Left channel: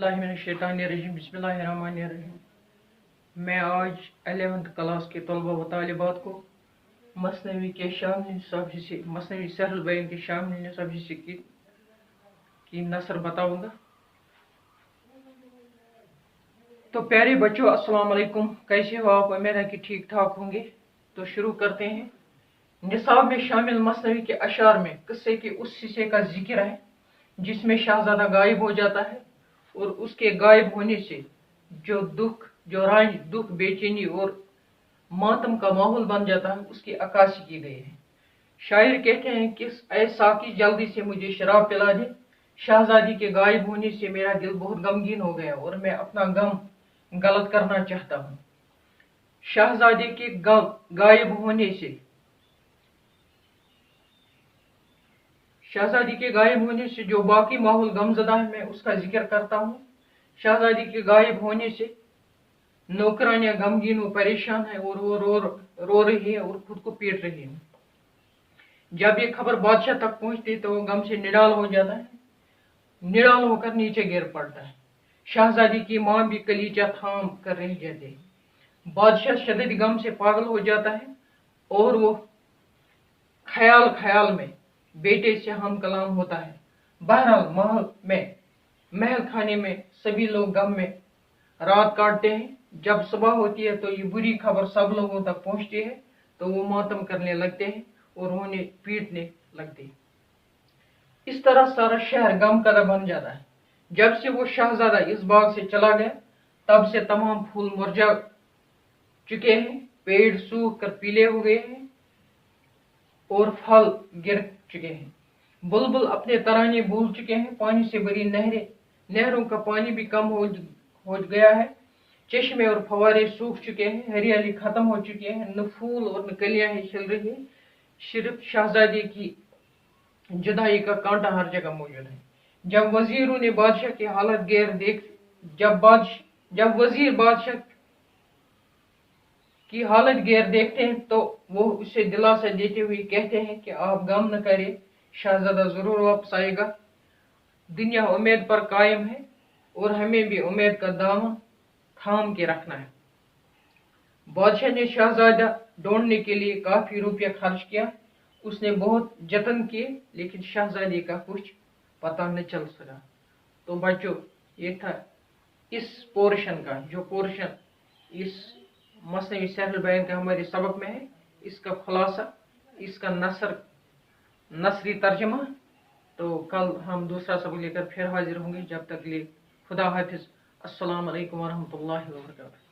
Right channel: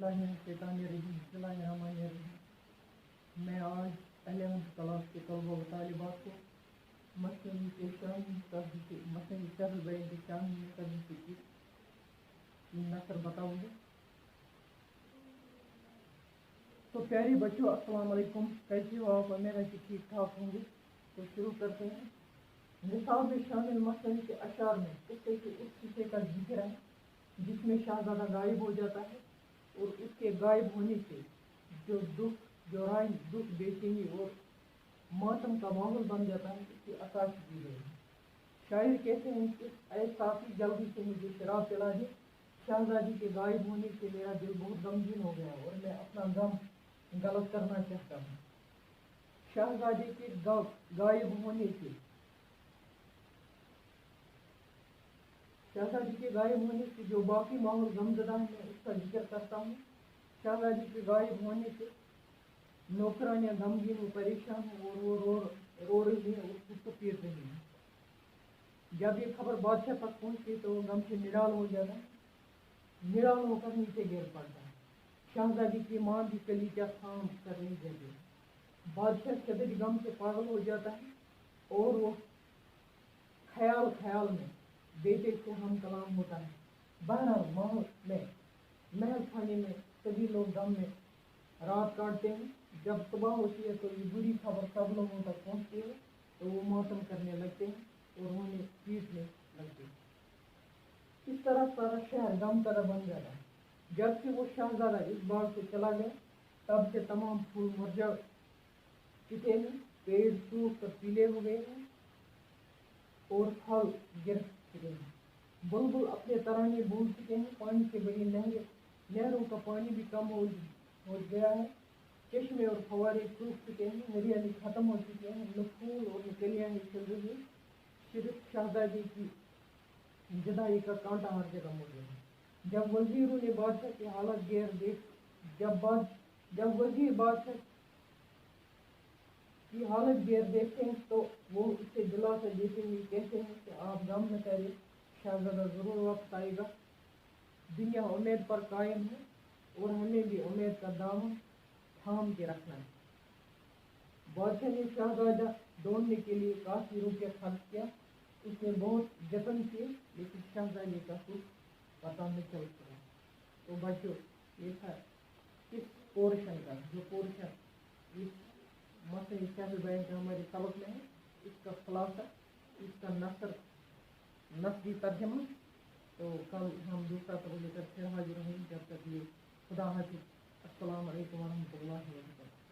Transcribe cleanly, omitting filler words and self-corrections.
औज़ुबिल्लाहिमिनश्शैतानिर्रजीम बिस्मिल्लाहिर्रहमानिर्रहीम। मैं आज 11th क्लास के तलबा व तालिबात को मसनवी के शामिल निसाब हिस्से मसनवी सहरुल बयान के शामिल निसाब हिस्से की नसर बताऊंगा। तो प्यारे बच्चों, अस्सलाम वालेकुम। कैसे हो आप? उम्मीद है कि ठीक ठाक होंगे। तो शुरू करते हैं। निसाब में शामिल मसनवी के अशार में किस्से के उस हिस्से का जिक्र है जिसमें शाहजादा गायब हो जाता है और उसके गायब होने से जो दुख बेचैनी और मातम का माहौल बन जाता है, उसकी अक्कासी की गई है। शायर कहते हैं कि ऐ साकी, जल्दी से मुझे शराब पिला दे। शहजादी के गायब होने से मेरा दिल बहुत गमगीन हो गया और मैं अपना गम गलत करना चाहता हूँ। शहजादे के गायब होने से शहजादी के गायब होने से जो बाकी माहौल गमजदा है, मैं उसका जिक्र करता हूँ। शहजादी के गायब होने से नौकरानियां गमगीन व परेशान है और वो रो रही है और खुद को पीट रही है। जब ये खबर बादशाह तक पहुंचती तो वो गम से निडाल हो जाता है, निडाल होकर नीचे गिर पड़ता है। शहजादी की माँ भी कलीजा थाम कर रह जाती है। बादशाह शदीद गम से पागल हो जाता है और वो ख्याल में बेटे से हम कलाम होता है। बहरहाल महल खाने में सभी लोग गम में रात काटते हैं। जब सुबह होती है तो ये बुरी खबर सब लोगों तक पहुंचती है तो वो मातम करने लगते हैं और उन्हें पीटने लगते हैं। इस तरह सारा शहर गम का बन जाता है। जब से वो शहजादा इस बाग से चला गया तब से तमाम फूल मुरझा चुके हैं, पेड़ सूख कर पीले हो गए हैं और फल गिर चुके हैं। बुलबुल अपने तराने भूल चुके हैं। पानी से भरी नहरों का पानी भी कम हो गया है। चश्मे और फवारे सूख चुके हैं, हरियाली खत्म हो चुकी है, न फूल और न कलियां ही खिल रही हैं। सिर्फ शहजादी की जुदाई का कांटा हर जगह मौजूद है। जब वजीरों ने बादशाह की हालत जब वजीर बादशाह की हालत गैर देखते हैं तो वो उसे दिलासा देते हुए कहते हैं कि आप गम न करें, शहजादा जरूर वापस आएगा। दुनिया उम्मीद पर कायम है और हमें भी उम्मीद का दामन थाम के रखना है। बादशाह ने शहजादा ढूंढने के लिए काफी रुपया खर्च किया। उसने बहुत जतन किए लेकिन शहजादी का कुछ पता न चल सका। तो बच्चों, ये था इस पोर्शन का, जो पोर्शन इस मसनवी सहरुल बयान का हमारे सबक में है, इसका खुलासा, इसका नसरी तर्जमा। तो कल हम दूसरा सबक लेकर फिर हाजिर होंगे। जब तक के लिए खुदा हाफिज। अस्सलाम वालेकुम व रहमतुल्लाहि व बरकातहू।